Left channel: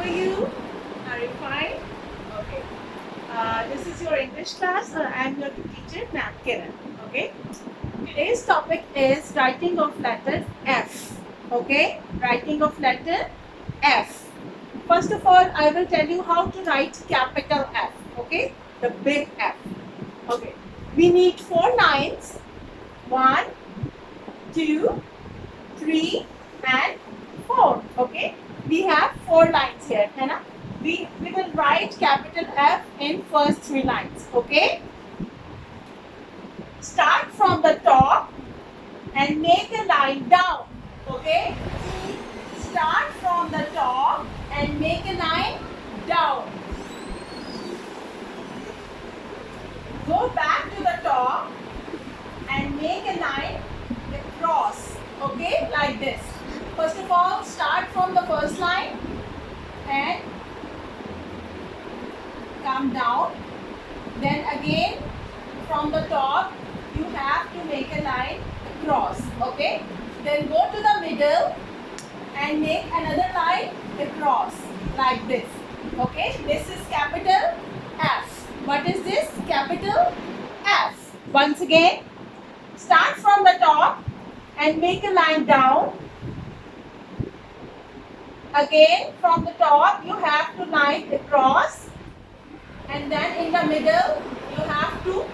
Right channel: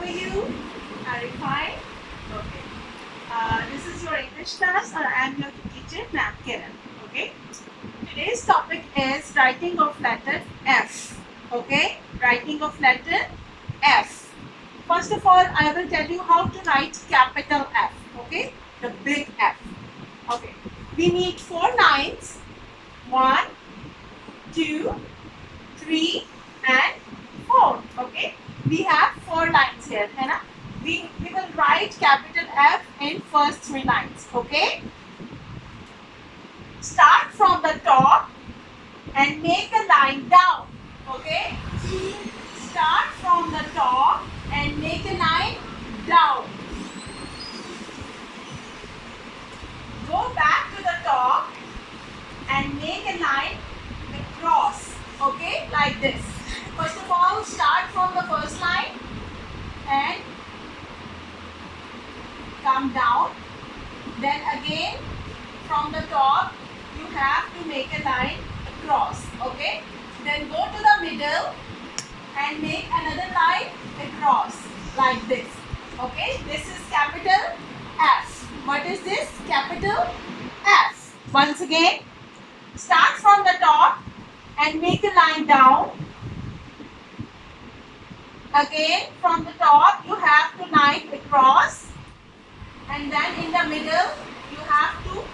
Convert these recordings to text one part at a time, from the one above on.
are you? Are you fine? Okay. This is your English class, or I am your teacher, Ma'am Kiran. Okay. Today's topic is writing of letter F. Okay. Writing of letter F. First of all, I will tell you how to write capital F. Okay. The big F. Okay. We need 4 lines. 1, 2, 3 and 4. Okay. We have 4 lines here. है ना? We will write capital F in first 3 lines. Okay. Start from the top and make a line down. Okay. Start from the top and make a line down. Go back to the top and make a line across. Okay, like this. First of all, start from the first line and come down. Then again from the top you have to make a line across. Okay. Then go to the middle and make another line across like this. Okay. This is capital F. What is this? Capital F. Once again, start from the top and make a line down. Again from the top you have to line across, and then in the middle you have to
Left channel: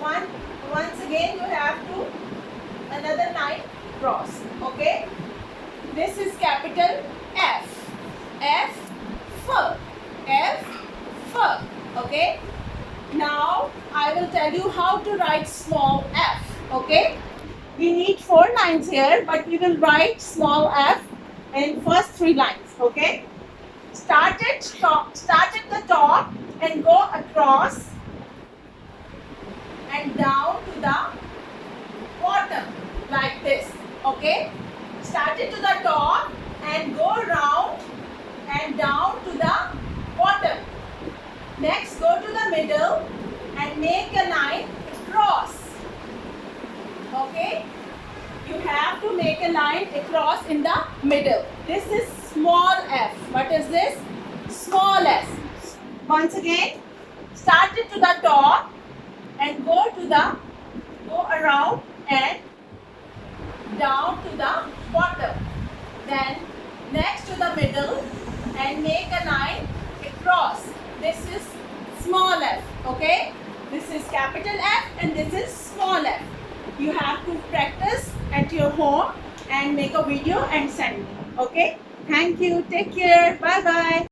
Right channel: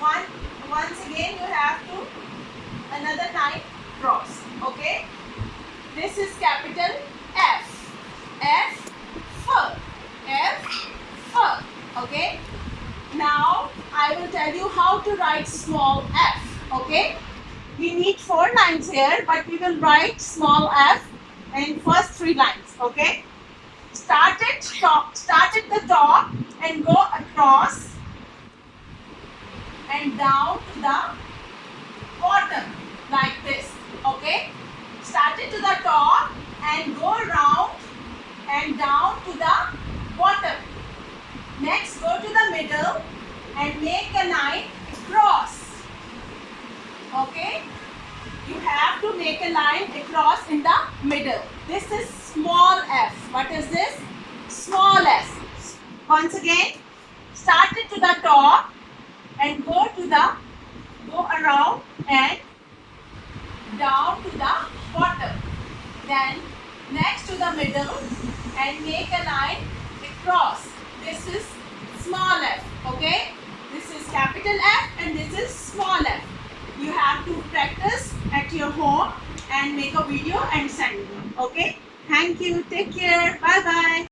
once again you have to another line cross. Okay, this is capital F. F for F for. Okay, now I will tell you how to write small f. Okay, we need 4 lines here, but we will write small f in first 3 lines. Okay, start at the top and go across and down to the bottom like this. Okay, start it to the top and go around and down to the bottom. Next, go to the middle and make a line across. Okay, you have to make a line across in the middle. This is small f. What is this? Small f. Once again, start it to the top and go around and down to the bottom. Then next to the middle and make a line across. This is small f. Okay, this is capital F and this is small f. You have to practice at your home and make a video and send me. Okay, thank you. Take care. Bye bye.